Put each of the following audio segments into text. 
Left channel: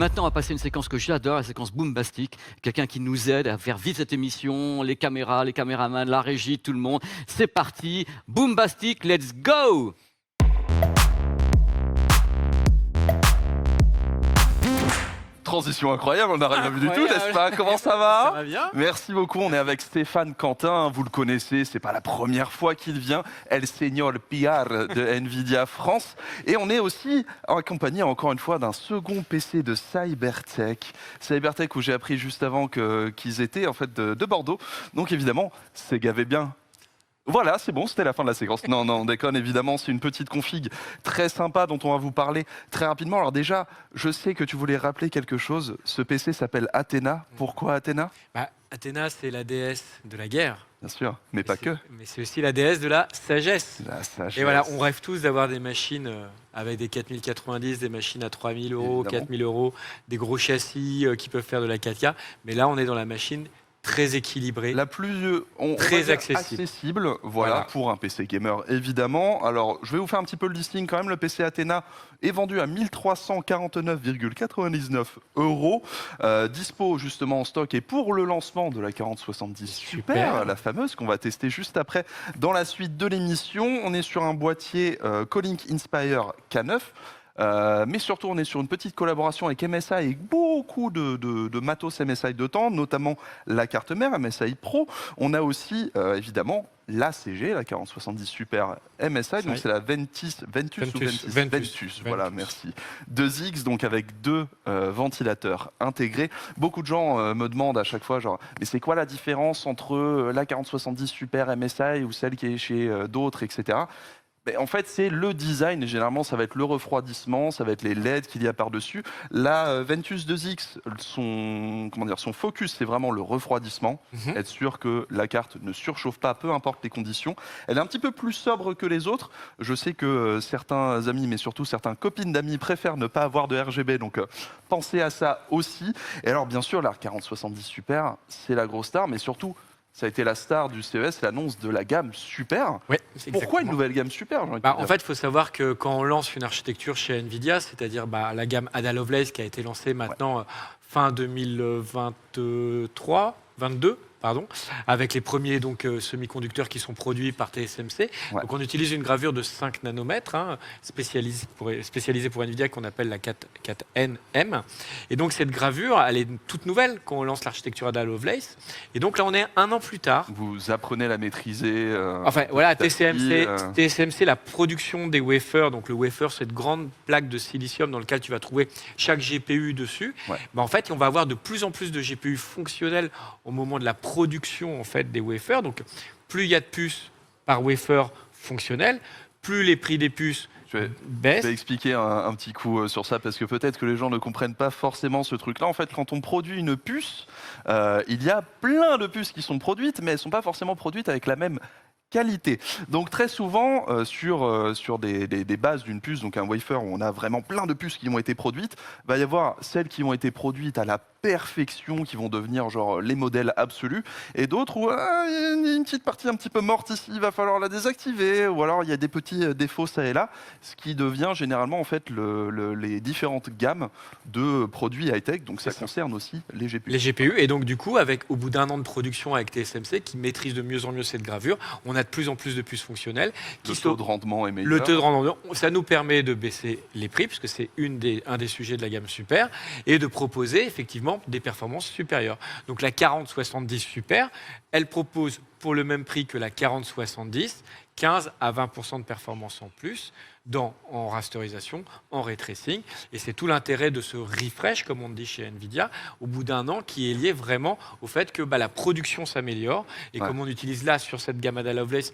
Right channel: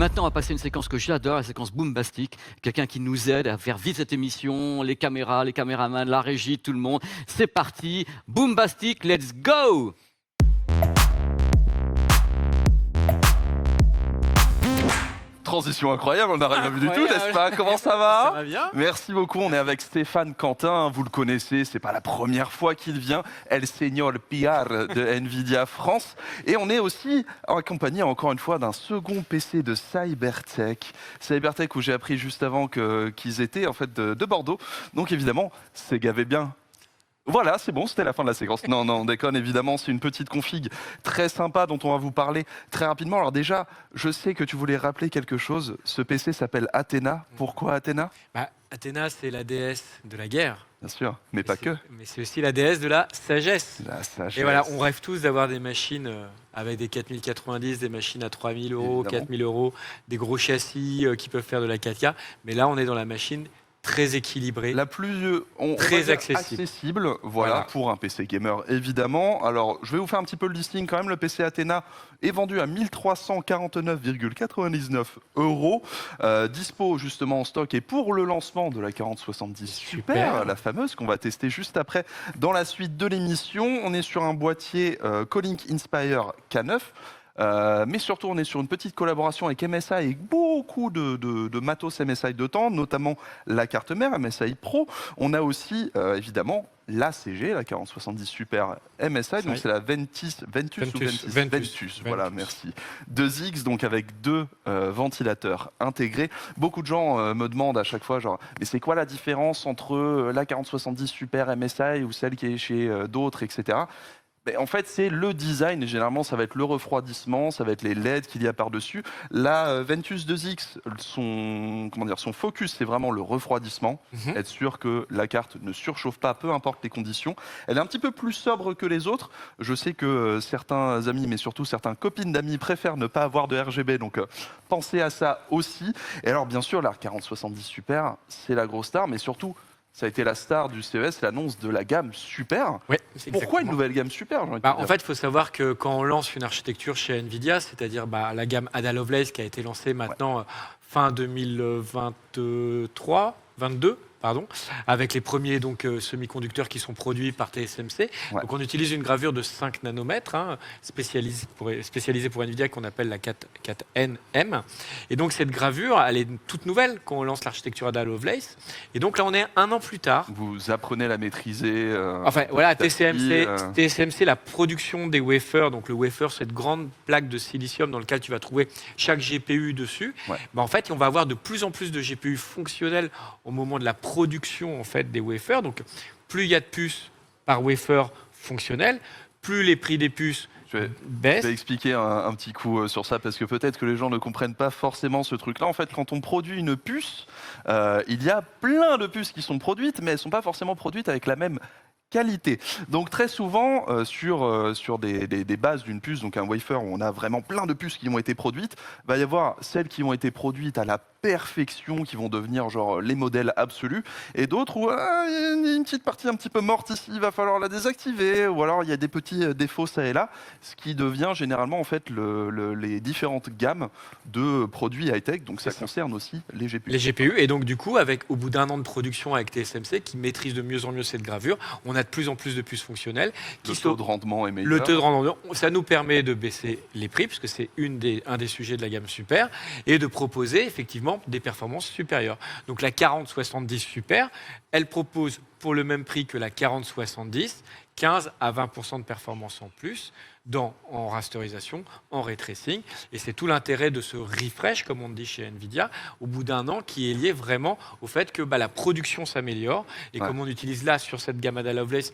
Maintenant, on va passer une séquence que j'adore, la séquence Boombastic. Quelqu'un qui nous aide à faire vivre cette émission, les caméras, les caméramans, la régie, tout le monde. C'est parti, Boombastic, let's go! Transition incroyable, on n'a rien vu du tout, n'est-ce pas? Comment ça va? Ça va bien? Merci beaucoup, on est avec Stéphane Quentin, vous le connaissez, c'est pas la première fois qu'il vient, El Señor PR de Nvidia France. Et on est aussi accompagné encore une fois d'un second PC de Cybertech. Cybertech où j'ai appris juste avant qu'ils étaient en fait de Bordeaux. Donc évidemment, c'est gavé bien. Voilà, c'est bon, c'était la fin de la séquence. Non, on déconne, évidemment, c'est une petite config très sympa dont on va vous parler très rapidement. Alors déjà, je sais que tu voulais rappeler quelque chose. Ce PC s'appelle Athéna. Pourquoi Athéna? Athéna, c'est la déesse de la guerre. Bien sûr, mais pas que. Mais c'est aussi la déesse de la sagesse. La sagesse. Et voilà, on rêve tous d'avoir des machines avec des 4090, des machines à 3000 euros, 4000 euros, des gros châssis qui peuvent faire de la 4K. Mais là, on est dans la machine très équilibrée, la plus très accessible. Voilà, pour un PC gamer évidemment. Alors je vais vous faire un petit peu le listing quand même. Le PC Athéna est vendu à 1349,99 €. Dispo justement en stock et pour le lancement de la 4070 Super, la fameuse qu'on va tester juste après dans la suite de l'émission. On est sur un boîtier Colink Inspire K9. Mais surtout, on est sur une petite collaboration avec MSI et beaucoup de matos MSI de temps, notamment la carte mère MSI Pro. On a aussi, évidemment, la CG, la 4070 Super MSI, donc c'est la Ventus. Voilà, merci. 2X, donc avec deux ventilateurs intégrés. Beaucoup de gens me demandent à chaque fois, genre, mais c'est quoi la différence entre la 4070 Super MSI ou celle qui est chez d'autres, etc. Mais en fait, c'est le design. Généralement, ça va être le refroidissement, ça va être les LED qu'il y a par-dessus. La Ventus 2X, son focus, c'est vraiment le refroidissement. Être sûr que la carte ne surchauffe pas, peu importe les conditions. Elle est un petit peu plus sobre que les autres. Je sais que certains amis, mais surtout certaines copines d'amis, préfèrent ne pas avoir de RGB. Donc, pensez à ça aussi. Et alors, bien sûr, la 4070 Super, c'est la grosse star, mais surtout, ça a été la star du CES, l'annonce de la gamme Super. Oui, pourquoi une nouvelle gamme Super? En fait, il faut savoir que quand on lance une architecture chez Nvidia, c'est-à-dire la gamme Ada Lovelace qui a été lancée maintenant fin 2023, 22. Avec les premiers semi-conducteurs qui sont produits par TSMC. Ouais. Donc on utilise une gravure de 5 nanomètres, spécialisée pour Nvidia, qu'on appelle la 4NM. Et donc cette gravure, elle est toute nouvelle quand on lance l'architecture Ada Lovelace. Et donc là, on est un an plus tard. Vous apprenez à la maîtriser. Enfin voilà, TSMC, la production des wafers. Donc le wafer, cette grande plaque de silicium dans laquelle tu vas trouver chaque GPU dessus. Ouais. En fait, on va avoir de plus en plus de GPU fonctionnels au moment de la production en fait des wafers. Donc plus il y a de puces par wafer fonctionnel, plus les prix des puces baissent. Je vais expliquer un petit coup sur ça parce que peut-être que les gens ne comprennent pas forcément ce truc-là. En fait, quand on produit une puce, il y a plein de puces qui sont produites, mais elles ne sont pas forcément produites avec la même qualité. Donc très souvent sur des bases d'une puce, donc un wafer où on a vraiment plein de puces qui ont été produites, va y avoir celles qui ont été produites à la perfection, qui vont devenir genre les modèles absolus, et d'autres où il y a une petite partie un petit peu morte ici, il va falloir la désactiver, ou alors il y a des petits défauts ça et là, ce qui devient généralement en fait les différentes gammes de produits high-tech, donc ça concerne aussi les GPU. Les GPU, et donc du coup, au bout d'un an de production avec TSMC, qui maîtrise de mieux en mieux cette gravure, on a de plus en plus de puces fonctionnelles. Le taux de rendement est meilleur. Le taux de rendement, ça nous permet de baisser les prix, puisque c'est un des sujets de la gamme Super, et de proposer effectivement des performances supérieures. Donc la 4070 Super, elle propose pour le même prix que la 4070, 15 à 20% de performance en plus en rasterisation, en ray tracing. Et c'est tout l'intérêt de ce refresh, comme on dit chez Nvidia, au bout d'un an, qui est lié vraiment au fait que la production s'améliore. Et comme on utilise là, sur cette gamme Ada Lovelace,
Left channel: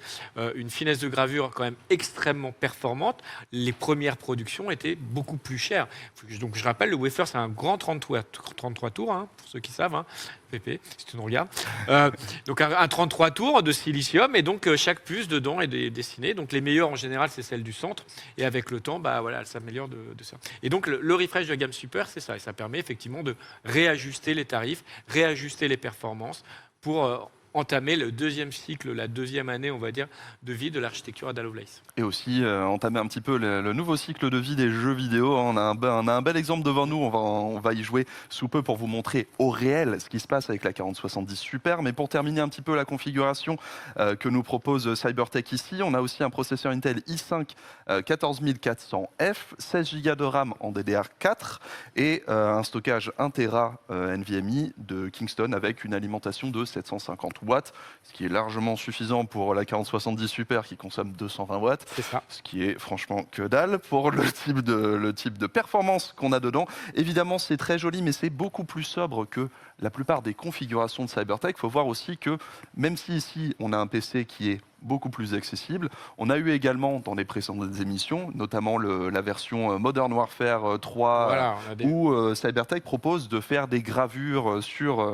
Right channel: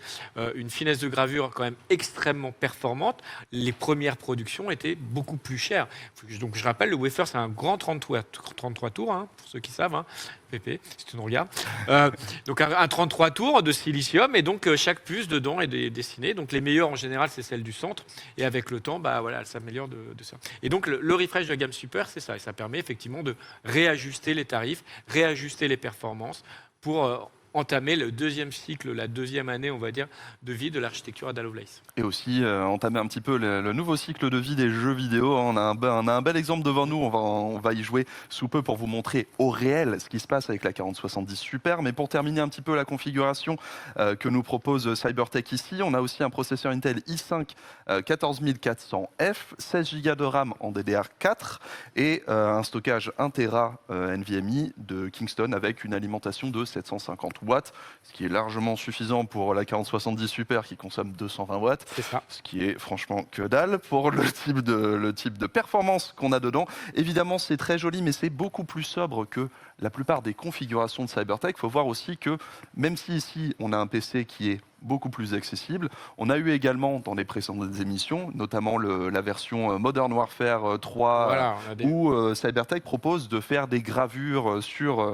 une finesse de gravure quand même extrêmement performante, les premières productions étaient beaucoup plus chères. Donc je rappelle, le wafer, c'est un grand 33 tours, pour ceux qui savent. PP, si tu nous regardes. Donc un 33 tours de silicium, et donc chaque puce dedans est dessinée. Donc les meilleures en général, c'est celle du centre, et avec le temps, elle s'améliore de ça. Et donc le refresh de la gamme Super, c'est ça, et ça permet effectivement de réajuster les tarifs, réajuster les performances pour entamer le deuxième cycle, la deuxième année, on va dire, de vie de l'architecture Ada Lovelace. Et aussi entamer un petit peu le nouveau cycle de vie des jeux vidéo. On a un bel exemple devant nous, on va y jouer sous peu pour vous montrer au réel ce qui se passe avec la 4070 Super. Mais pour terminer un petit peu la configuration que nous propose Cybertech ici, on a aussi un processeur Intel i5 14400F, 16 Go de RAM en DDR4 et un stockage 1 Tera NVMe de Kingston avec une alimentation de 750 watts, ce qui est largement suffisant pour la 4070 Super qui consomme 220 watts. C'est ça. Ce qui est franchement que dalle pour le type de performance qu'on a dedans. Évidemment, c'est très joli, mais c'est beaucoup plus sobre que la plupart des configurations de Cybertech. Il faut voir aussi que même si ici, on a un PC qui est beaucoup plus accessible, on a eu également dans les précédentes émissions, notamment la version Modern Warfare 3, Voilà, où Cybertech propose de faire des gravures sur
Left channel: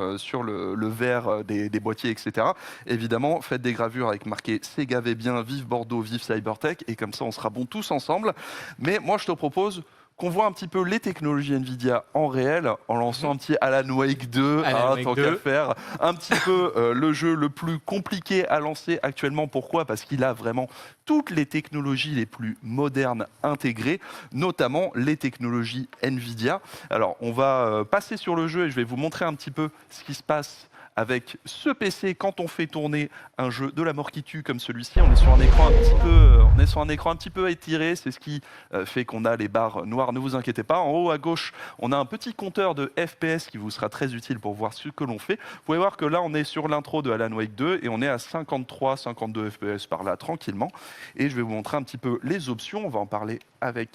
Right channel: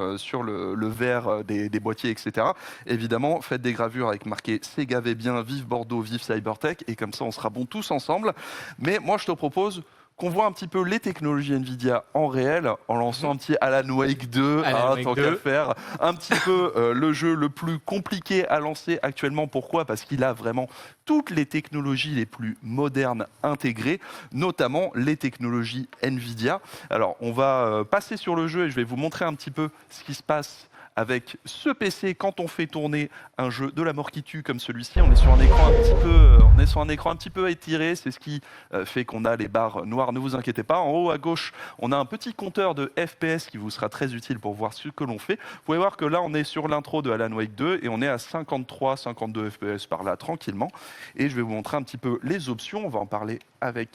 le verre des boîtiers, etc. Évidemment, faites des gravures avec marqué Sega V bien, vive Bordeaux, vive Cybertech, et comme ça, on sera bons tous ensemble. Mais moi, je te propose qu'on voit un petit peu les technologies Nvidia en réel, en lançant un petit Alan Wake 2, tant qu'à faire. Un petit peu le jeu le plus compliqué à lancer actuellement. Pourquoi ? Parce qu'il a vraiment toutes les technologies les plus modernes intégrées, notamment les technologies Nvidia. Alors, on va passer sur le jeu et je vais vous montrer un petit peu ce qui se passe avec ce PC quand on fait tourner un jeu de la mort qui tue comme celui-ci. On est sur un écran un petit peu étiré, c'est ce qui fait qu'on a les barres noires, ne vous inquiétez pas. En haut à gauche, on a un petit compteur de FPS qui vous sera très utile pour voir ce que l'on fait. Vous pouvez voir que là, on est sur l'intro de Alan Wake 2 et on est à 53, 52 FPS par là, tranquillement. Et je vais vous montrer un petit peu les options. On va en parler avec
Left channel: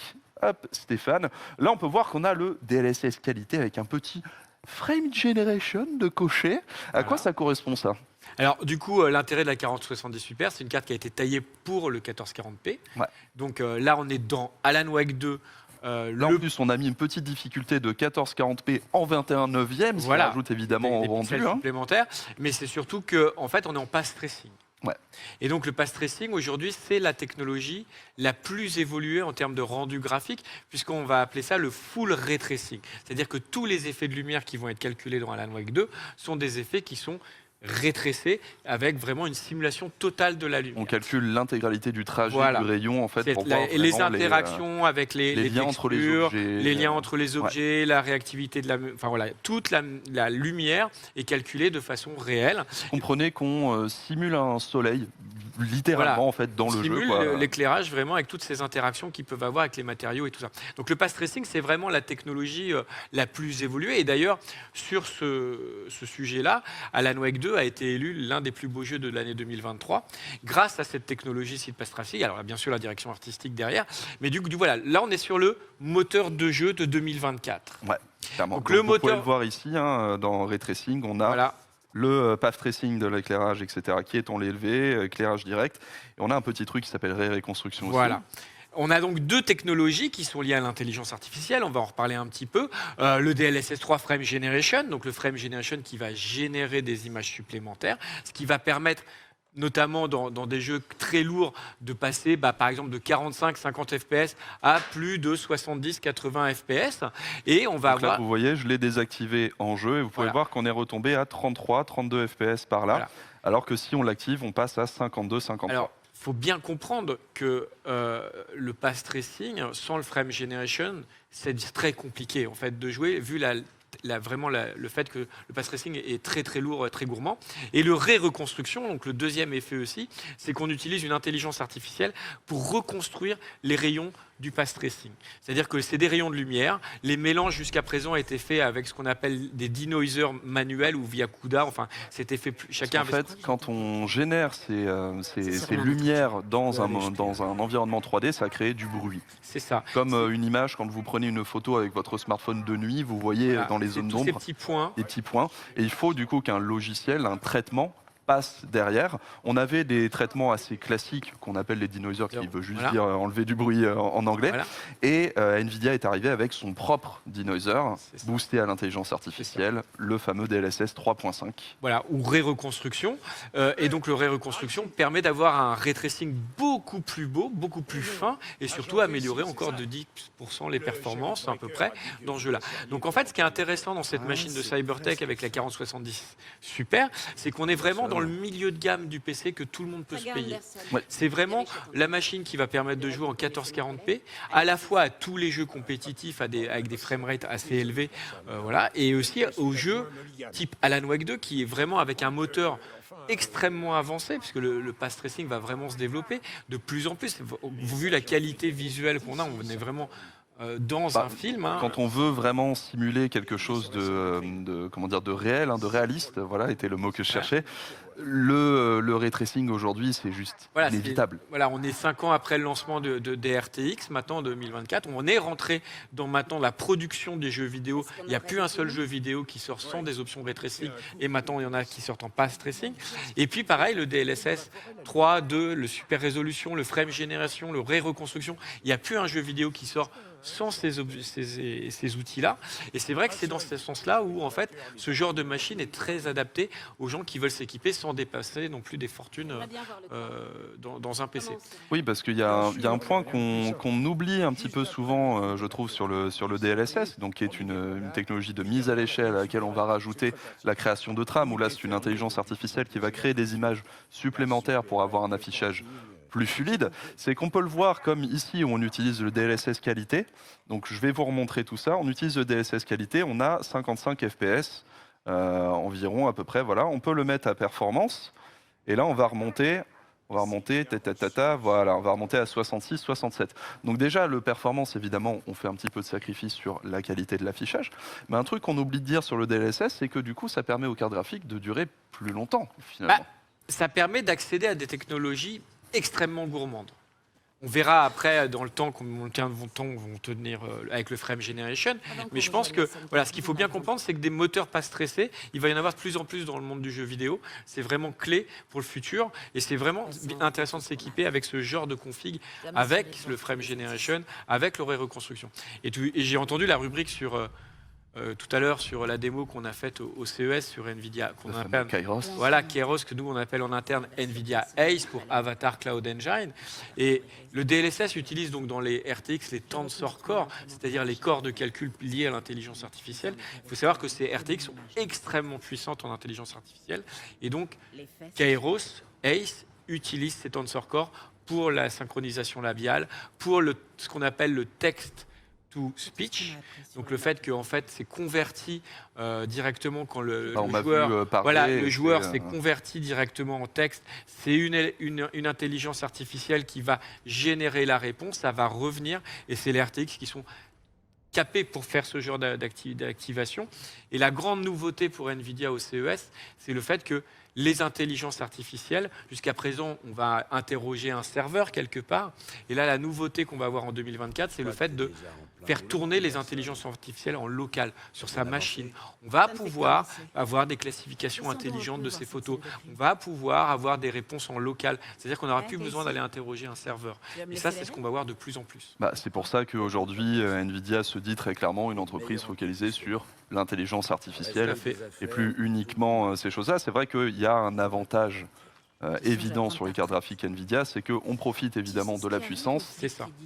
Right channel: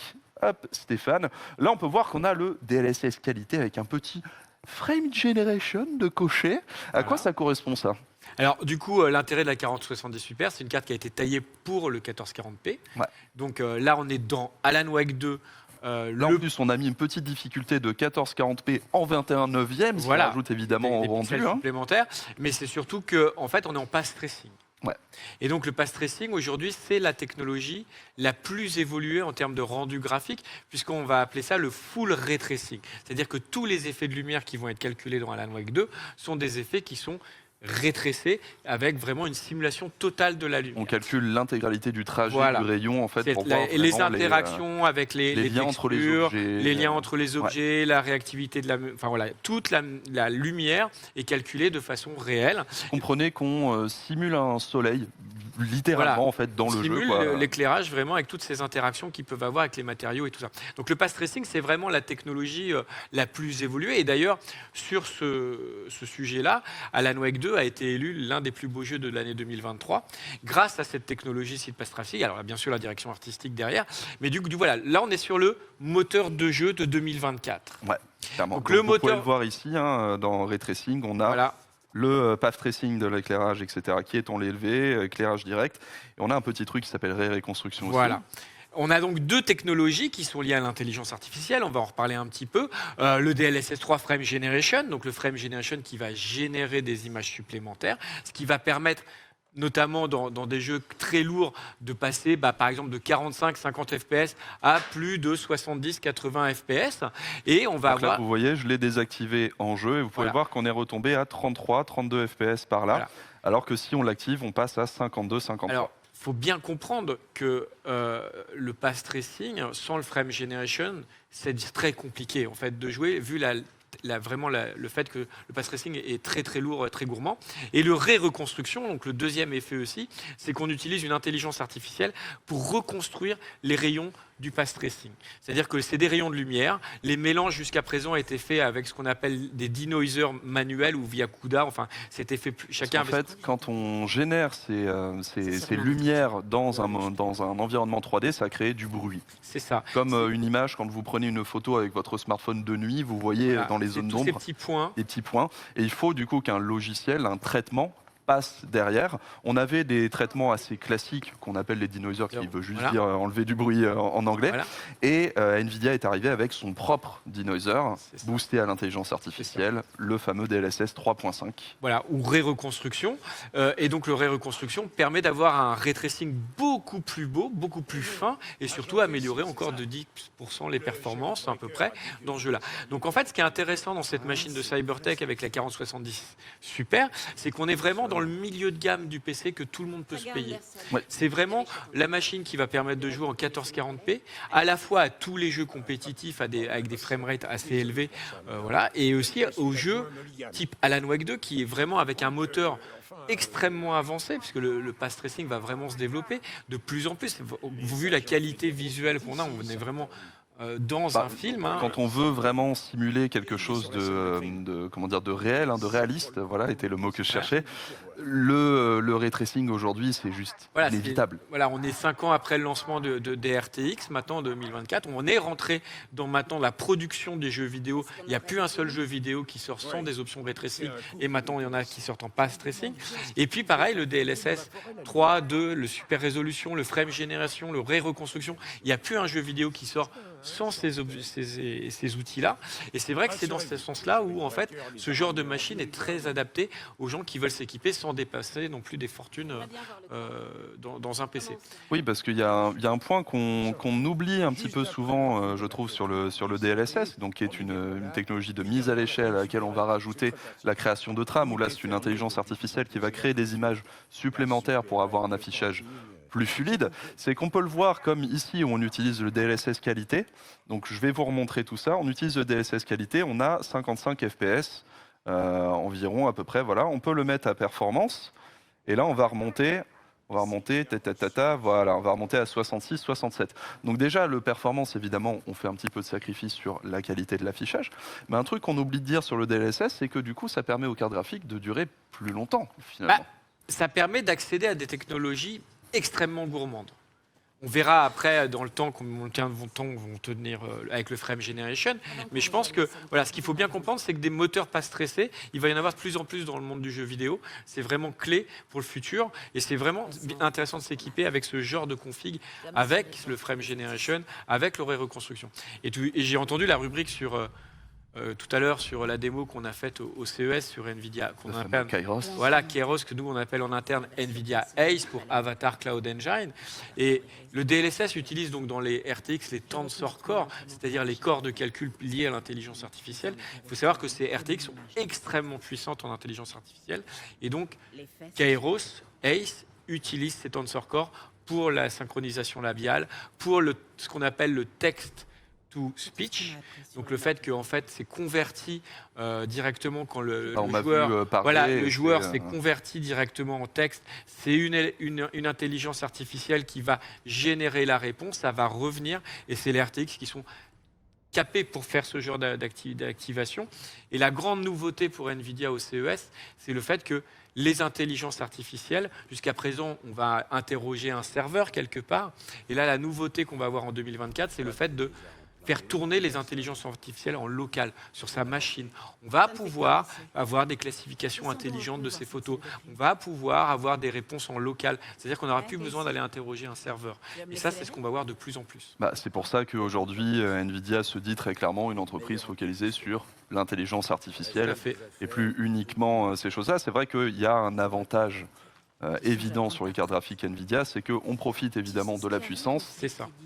Stéphane. Là, on peut voir qu'on a le DLSS qualité avec un petit Frame Generation de cocher. À quoi ça correspond ça ? Alors, du coup, l'intérêt de la 4070 Super, c'est une carte qui a été taillée pour le 1440p. Ouais. Donc là, on est dans Alan Wake 2. Là, en plus, on a mis une petite difficulté de 1440p en 21 neuvième, ce qui rajoute évidemment au rendu. Supplémentaires, mais c'est surtout qu'en fait, on est en path tracing. Ouais. Et donc le path tracing aujourd'hui c'est la technologie la plus évoluée en termes de rendu graphique puisqu'on va appeler ça le full ray tracing. C'est-à-dire que tous les effets de lumière qui vont être calculés dans Alan Wake 2 sont des effets qui sont rétrécés avec vraiment une simulation totale de la lumière. On calcule l'intégralité du trajet du rayon en fait pour voir les interactions avec les liens textures, entre les objets, les liens entre les objets, la réactivité de toute la lumière est calculée de façon réelle. Comprenez qu'on simule un soleil littéralement en fait dans le jeu. L'éclairage vraiment avec toutes ces interactions qu'ils peuvent avoir avec les matériaux et tout ça. Donc le path tracing c'est vraiment la technologie la plus évoluée et d'ailleurs sur ce sujet-là, Alan Wake 2 a été élu l'un des plus beaux jeux de l'année 2023 grâce à cette technologie Seed Path Tracing. Alors bien sûr la direction artistique derrière, mais du coup voilà, là on est sur le moteur de jeu de 2024. Ouais, clairement. Donc vous pouvez le voir ici dans Ray Tracing, on a le path tracing de l'éclairage, etc., qui est en élevé, éclairage direct, et on a un petit truc qui s'appelle Ray Reconstruction aussi. On a donc deux technologies qui sont liées à l'intelligence artificielle, on va en reparler un petit peu. Le DLSS 3 Frame Generation, donc le Frame Generation qui va générer des images supplémentaires, ce qui va permettre notamment dans des jeux très lourds de passer par exemple de 45-50 FPS à plus de 70-80 FPS. Et on va avoir... Là, vous voyez, je l'ai désactivé en jeu et vous pouvez voir qu'on est retombé à 33-32 FPS par là, alors que si on l'active, on passe à 52-53. Alors, il faut bien comprendre que le path tracing, sans le frame generation, c'est très compliqué en fait de jouer, vu le fait que le path tracing est très très lourd et très gourmand. Et le reconstruction, donc le deuxième effet aussi, c'est qu'on utilise une intelligence artificielle pour reconstruire les rayons du path tracing. C'est-à-dire que c'est des rayons de lumière. Les mélanges jusqu'à présent étaient faits avec ce qu'on appelle des denoisers manuels ou via CUDA. Enfin, c'était fait chacun. En fait, quand on génère ces lumières dans un environnement 3D, ça crée du bruit. C'est ça. Comme une image, quand vous prenez une photo avec votre smartphone de nuit, vous voyez dans les zones d'ombre des petits points. Et il faut du coup qu'un logiciel, un traitement, passe derrière. On avait des traitements assez classiques qu'on appelle les denoisers, qui veut juste dire enlever du bruit en anglais. Et Nvidia est arrivé avec son propre denoiser, boosté à l'intelligence artificielle, le fameux DLSS 3.5. Voilà, ou reconstruction. Et donc le reconstruction permet d'avoir un ray tracing beaucoup beaucoup plus beau, beaucoup plus fin et surtout améliorer encore de 10% les performances à peu près dans ce jeu-là. Donc en fait, ce qui est intéressant dans cette machine de Cybertech avec la 4070 Super, c'est qu'on est vraiment dans le milieu de gamme du PC que tout le monde peut se payer. C'est vraiment la machine qui va permettre de jouer en 1440p, à la fois à tous les jeux compétitifs avec des framerates assez élevés, voilà, et aussi aux jeux type Alan Wake 2 qui est vraiment avec un moteur extrêmement avancé, puisque le path tracing va vraiment se développer de plus en plus. Vu la qualité visuelle qu'on a, on est vraiment dans un film. Hein. Quand on veut vraiment simuler quelque chose de réel, de réaliste, voilà, était le mot que je cherchais. Le ray tracing aujourd'hui, c'est juste inévitable. Voilà, on est 5 ans après le lancement des RTX, maintenant en 2024. On est rentré dans maintenant la production des jeux vidéo. Il n'y a plus un seul jeu vidéo qui sort sans des options ray tracing. Et maintenant, il y en a qui sortent en path tracing. Et puis, pareil, le DLSS 3, 2, le super résolution, le frame génération, le ray reconstruction. Il n'y a plus un jeu vidéo qui sort sans ces outils-là. Et c'est vrai que c'est dans ce sens-là où, en fait, ce genre de machine est très adapté aux gens qui veulent s'équiper sans dépasser non plus des fortunes dans un PC. Oui, parce qu'il y a un point qu'on oublie un petit peu souvent, je trouve, sur le DLSS, donc qui est une technologie de mise à l'échelle à laquelle on va rajouter la création de trames, où là, c'est une intelligence artificielle qui va créer des images supplémentaires pour avoir un affichage plus fluide, c'est qu'on peut le voir comme ici où on utilise le DLSS qualité. Donc je vais vous remontrer tout ça. On utilise le DLSS qualité, on a 55 FPS environ à peu près. Voilà, on peut le mettre à performance et là on va remonter, voilà, on va remonter à 66, 67. Donc déjà le performance, évidemment, on fait un petit peu de sacrifice sur la qualité de l'affichage. Mais un truc qu'on oublie de dire sur le DLSS, c'est que du coup ça permet aux cartes graphiques de durer plus longtemps finalement. Ça permet d'accéder à des technologies extrêmement gourmande. On verra après dans le temps combien de temps vont tenir avec le frame generation, mais je pense que voilà, ce qu'il faut bien comprendre, c'est que des moteurs pas stressés, il va y en avoir de plus en plus dans le monde du jeu vidéo. C'est vraiment clé pour le futur et c'est vraiment intéressant de s'équiper avec ce genre de config, avec le frame generation, avec le ray reconstruction. Et j'ai entendu la rubrique sur tout à l'heure sur la démo qu'on a faite au CES sur NVIDIA, qu'on appelle Kairos. Voilà, Kairos, que nous on appelle en interne NVIDIA ACE pour Avatar Cloud Engine. Et le DLSS utilise donc dans les RTX les Tensor Core, c'est-à-dire les corps de calcul liés à l'intelligence artificielle. Il faut savoir que ces RTX sont extrêmement puissantes en intelligence artificielle. Et donc, Kairos, ACE, utilise ces Tensor Core pour la synchronisation labiale, pour ce qu'on appelle le texte to speech, donc le fait que en fait c'est converti directement quand le joueur s'est converti directement en texte, c'est une intelligence artificielle qui va générer la réponse, ça va revenir et c'est les RTX qui sont capés pour faire ce genre d'activation. Et la grande nouveauté pour NVIDIA au CES, c'est le fait que les intelligences artificielles, jusqu'à présent, on va interroger un serveur quelque part, et là la nouveauté qu'on va avoir en 2024, c'est le fait de faire tourner les intelligences artificielles en local, sur sa machine. On va pouvoir avoir des classifications intelligentes de ces photos. On va pouvoir avoir des réponses en local. C'est-à-dire qu'on n'aura plus besoin d'aller interroger un serveur. Et ça, c'est ce qu'on va voir de plus en plus. C'est pour ça qu'aujourd'hui, NVIDIA se dit très clairement une entreprise focalisée sur l'intelligence artificielle et plus uniquement ces choses-là. C'est vrai qu'il y a un avantage évident sur les cartes graphiques NVIDIA, c'est qu'on profite évidemment de la puissance,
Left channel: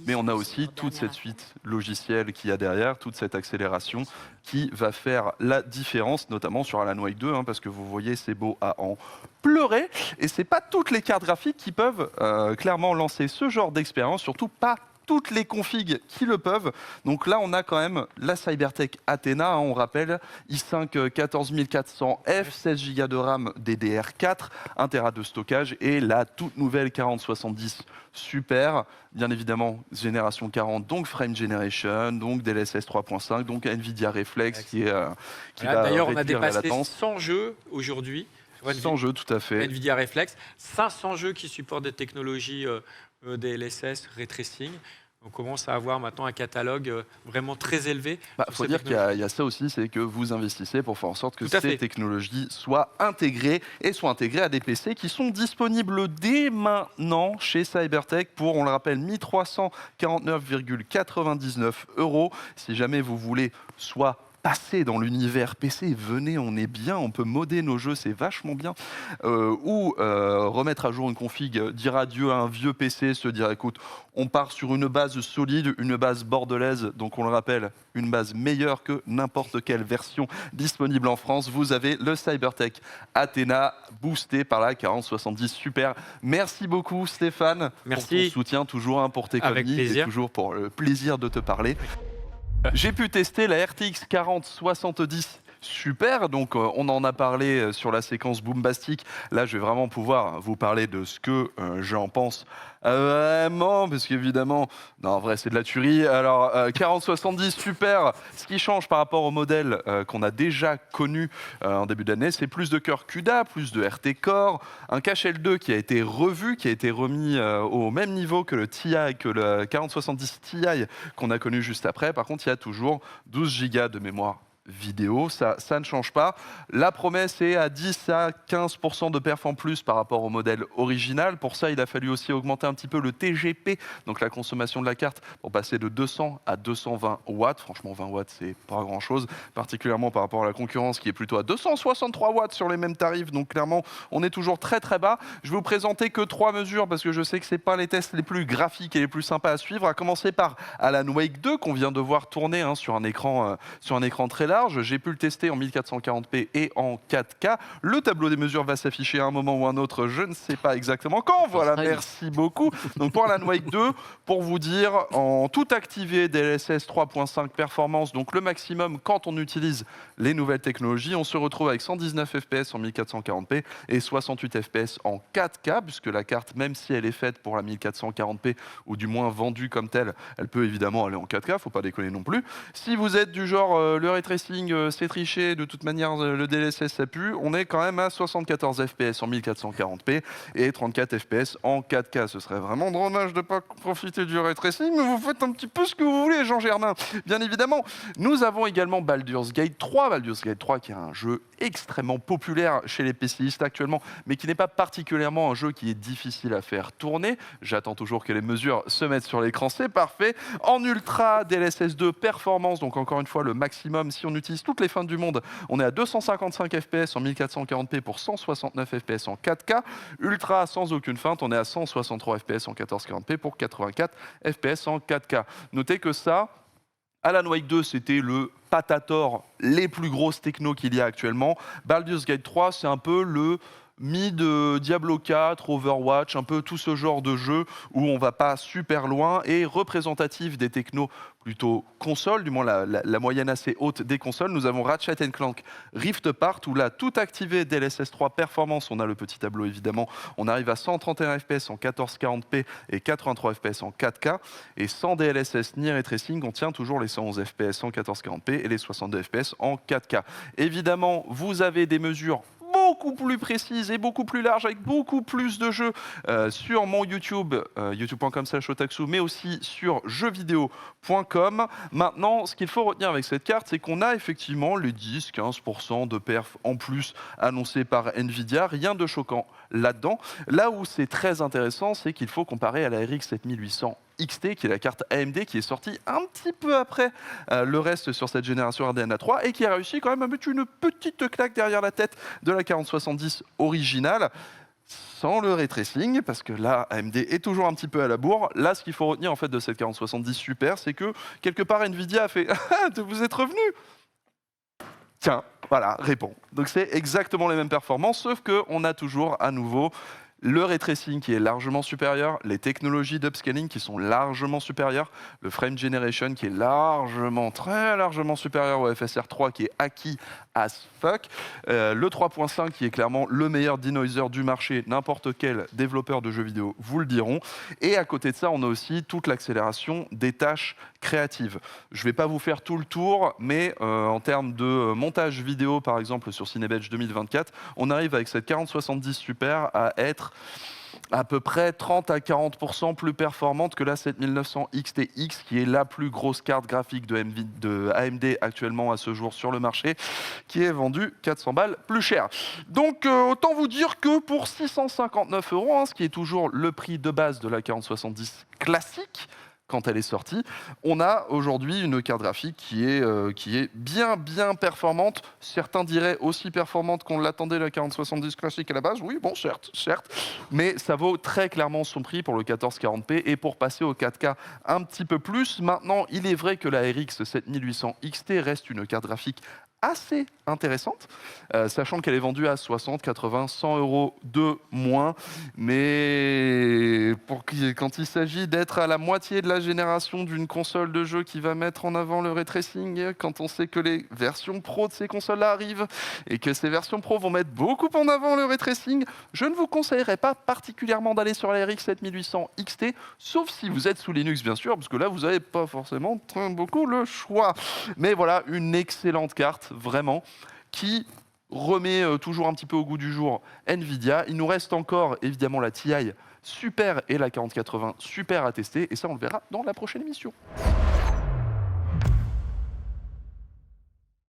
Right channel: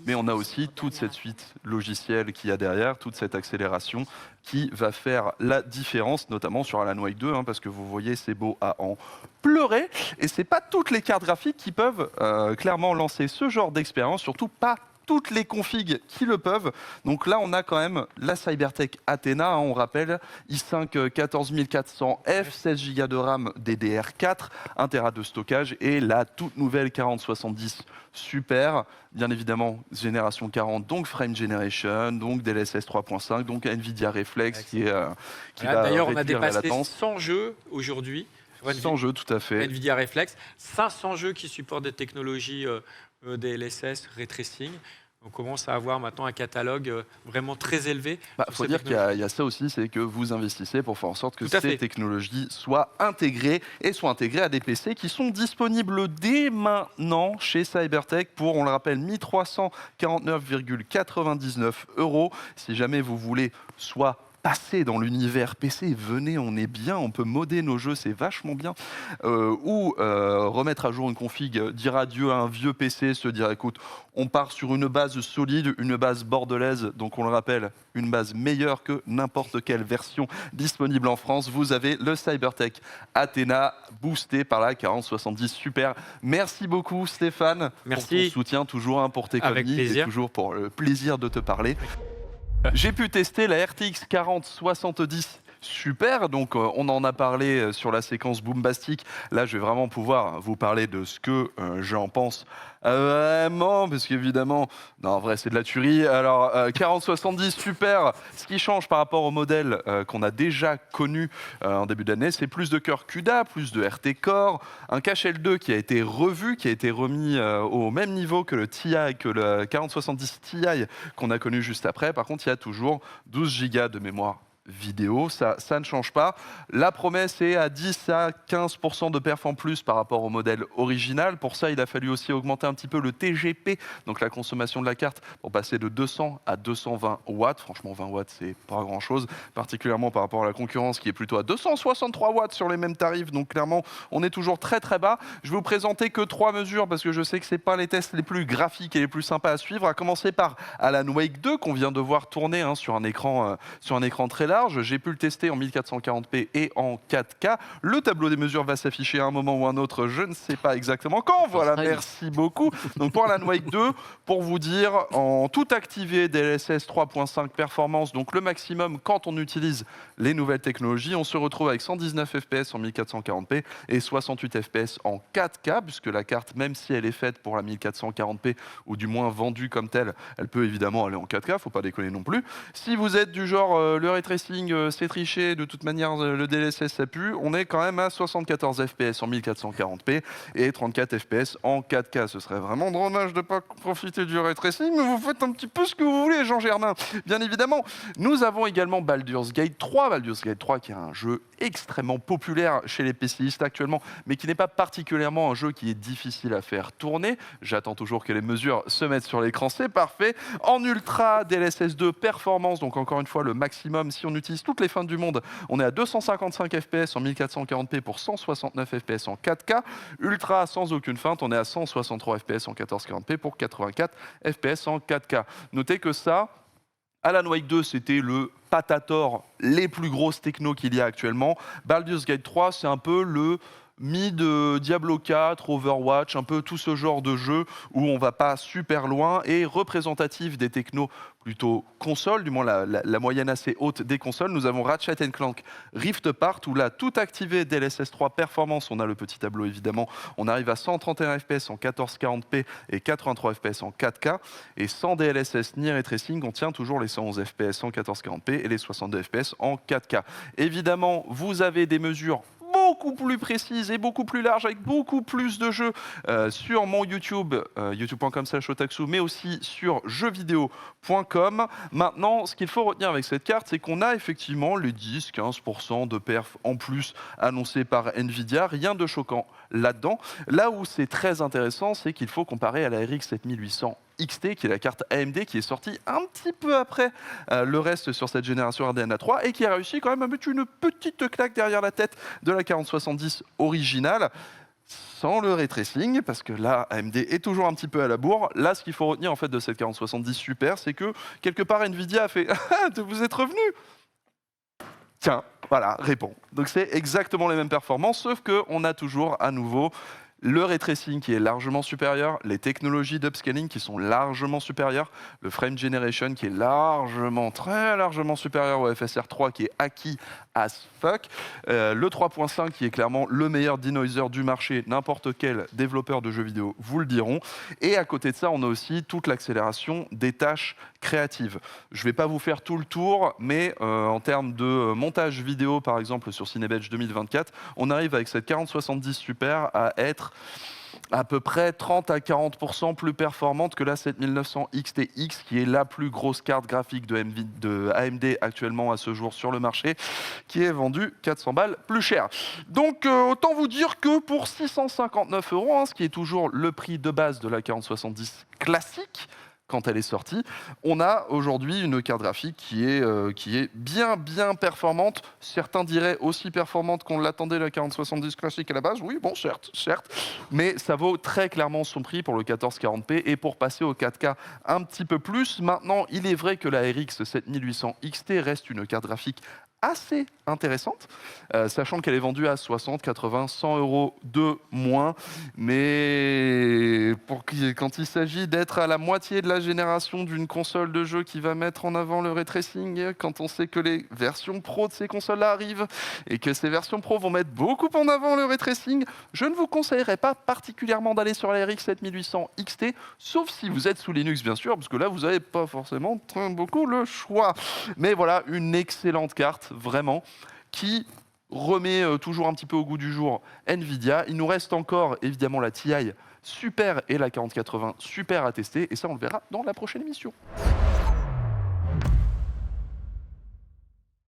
mais on a aussi toute cette suite logicielle qu'il y a derrière, toute cette accélération qui va faire la différence, notamment sur Alan Wake 2, parce que vous voyez, c'est beau à en pleurer, et c'est pas toutes les cartes graphiques qui peuvent clairement lancer ce genre d'expérience, surtout pas toutes les configs qui le peuvent. Donc là, on a quand même la Cybertech Athena, on rappelle, i5 14400F, 16 Go de RAM DDR4, 1 Tera de stockage et la toute nouvelle 4070 Super, bien évidemment génération 40, donc Frame Generation, donc DLSS 3.5, donc NVIDIA Reflex qui va d'ailleurs, on a réduire la dépassé latence. 100 jeux aujourd'hui. 100 jeux, tout à fait. NVIDIA Reflex, 500 jeux qui supportent des technologies DLSS, Ray Tracing. On commence à avoir maintenant un catalogue vraiment très élevé. Il faut dire qu'il y a ça aussi, c'est que vous investissez pour faire en sorte que ces technologies soient intégrées et soient intégrées à des PC qui sont disponibles dès maintenant chez Cybertech pour, on le rappelle, 1349,99 €. Si jamais vous voulez soit passer dans l'univers PC, venez, on est bien, on peut modder nos jeux, c'est vachement bien. Ou remettre à jour une config, dire adieu à un vieux PC, se dire écoute, on part sur une base solide, une base bordelaise, donc on le rappelle, une base meilleure que n'importe quelle version disponible en France. Vous avez le Cybertech Athena, boosté par la 4070 Super. Merci beaucoup Stéphane pour ton soutien, toujours pour tes chroniques et toujours pour le plaisir de te parler. J'ai pu tester la RTX 4070 Super, donc on en a parlé sur la séquence Boombastic. Là, je vais vraiment pouvoir vous parler de ce que j'en pense vraiment, parce qu'évidemment, non, en vrai, c'est de la tuerie. Alors, 4070 Super, ce qui change par rapport au modèle qu'on a déjà connu en début d'année, c'est plus de cœur CUDA, plus de RT Core, un cache L2 qui a été revu, qui a été remis au même niveau que le TI, que le 4070 Ti qu'on a connu juste après. Par contre, il y a toujours 12 Go de mémoire vidéo, ça ne change pas. La promesse est à 10 à 15% de perf en plus par rapport au modèle original. Pour ça, il a fallu aussi augmenter un petit peu le TGP, donc la consommation de la carte, pour passer de 200 à 220 watts. Franchement, 20 watts, c'est pas grand-chose, particulièrement par rapport à la concurrence qui est plutôt à 263 watts sur les mêmes tarifs. Donc clairement, on est toujours très très bas. Je vais vous présenter que 3 mesures parce que je sais que c'est pas les tests les plus graphiques et les plus sympas à suivre. À commencer par Alan Wake 2 qu'on vient de voir tourner sur un écran très large. J'ai pu le tester en 1440p et en 4K. Le tableau des mesures va s'afficher à un moment ou un autre, je ne sais pas exactement quand. Voilà, merci beaucoup. Donc pour Alan Wake 2, pour vous dire, en tout activé DLSS 3.5 performance, donc le maximum quand on utilise les nouvelles technologies, on se retrouve avec 119 fps en 1440p et 68 fps en 4K, puisque la carte, même si elle est faite pour la 1440p, ou du moins vendue comme telle, elle peut évidemment aller en 4K, faut pas déconner non plus. Si vous êtes du genre le ray tracing, c'est triché, de toute manière le DLSS ça pue, on est quand même à 74 fps en 1440p et 34 fps en 4K. Ce serait vraiment dommage de ne pas profiter du ray tracing, mais vous faites un petit peu ce que vous voulez, Jean Germain. Bien évidemment, nous avons également Baldur's Gate 3. Baldur's Gate 3 qui est un jeu extrêmement populaire chez les PCistes actuellement, mais qui n'est pas particulièrement un jeu qui est difficile à faire tourner. J'attends toujours que les mesures se mettent sur l'écran, c'est parfait. En ultra DLSS 2 performance, donc encore une fois le maximum, si on utilise toutes les fins du monde, on est à 255 fps en 1440p pour 169 fps en 4K. Ultra sans aucune feinte, on est à 163 fps en 1440p pour 84 fps en 4K. Notez que ça, Alan Wake 2, c'était le patator, les plus grosses technos qu'il y a actuellement. Baldur's Gate 3, c'est un peu le mid Diablo 4, Overwatch, un peu tout ce genre de jeu où on va pas super loin et représentatif des technos plutôt console, du moins la moyenne assez haute des consoles. Nous avons Ratchet & Clank Rift Apart, où là, tout activé DLSS 3 performance, on a le petit tableau évidemment, on arrive à 131 fps en 1440p et 83 fps en 4K, et sans DLSS ni ray tracing, on tient toujours les 111 fps en 1440p et les 62 fps en 4K. Évidemment, vous avez des mesures beaucoup plus précise et beaucoup plus large, avec beaucoup plus de jeux sur mon YouTube, youtube.com/otaksu, mais aussi sur jeuxvideo.com. Maintenant, ce qu'il faut retenir avec cette carte, c'est qu'on a effectivement les 10-15% de perf en plus annoncés par Nvidia. Rien de choquant là-dedans. Là où c'est très intéressant, c'est qu'il faut comparer à la RX 7800 XT, qui est la carte AMD qui est sortie un petit peu après le reste sur cette génération RDNA 3 et qui a réussi quand même à mettre une petite claque derrière la tête de la 4070 originale, sans le ray tracing, parce que là, AMD est toujours un petit peu à la bourre. Là, ce qu'il faut retenir en fait de cette 4070 Super, c'est que quelque part Nvidia a fait « Ah, vous êtes revenu !» Tiens, voilà, réponds. Donc c'est exactement les mêmes performances, sauf qu'on a toujours à nouveau le ray tracing qui est largement supérieur, les technologies d'upscaling qui sont largement supérieures, le frame generation qui est largement, très largement supérieur au FSR 3 qui est acquis as fuck, le 3.5 qui est clairement le meilleur denoiser du marché, n'importe quel développeur de jeux vidéo vous le diront, et à côté de ça on a aussi toute l'accélération des tâches créatives. Je ne vais pas vous faire tout le tour, mais en termes de montage vidéo par exemple sur Cinebench 2024, on arrive avec cette 4070 Super à être à peu près 30 à 40% plus performante que la 7900 XTX, qui est la plus grosse carte graphique de AMD actuellement à ce jour sur le marché, qui est vendue 400 balles plus cher. Donc autant vous dire que pour 659 €, ce qui est toujours le prix de base de la 4070 classique, quand elle est sortie. On a aujourd'hui une carte graphique qui est bien performante. Certains diraient aussi performante qu'on l'attendait, la 4070 classique à la base. Oui, bon, certes, mais ça vaut très clairement son prix pour le 1440p et pour passer au 4K un petit peu plus. Maintenant, il est vrai que la RX 7800 XT reste une carte graphique assez intéressante, sachant qu'elle est vendue à 60, 80, 100 euros de moins. Mais quand il s'agit d'être à la moitié de la génération d'une console de jeu qui va mettre en avant le ray tracing, quand on sait que les versions pro de ces consoles-là arrivent et que ces versions pro vont mettre beaucoup en avant le ray tracing, je ne vous conseillerais pas particulièrement d'aller sur la RX 7800 XT, sauf si vous êtes sous Linux, bien sûr, parce que là, vous n'avez pas forcément beaucoup le choix. Mais voilà, une excellente carte, vraiment, qui remet toujours un petit peu au goût du jour Nvidia. Il nous reste encore, évidemment, la TI Super et la 4080 Super à tester, et ça, on le verra dans la prochaine émission.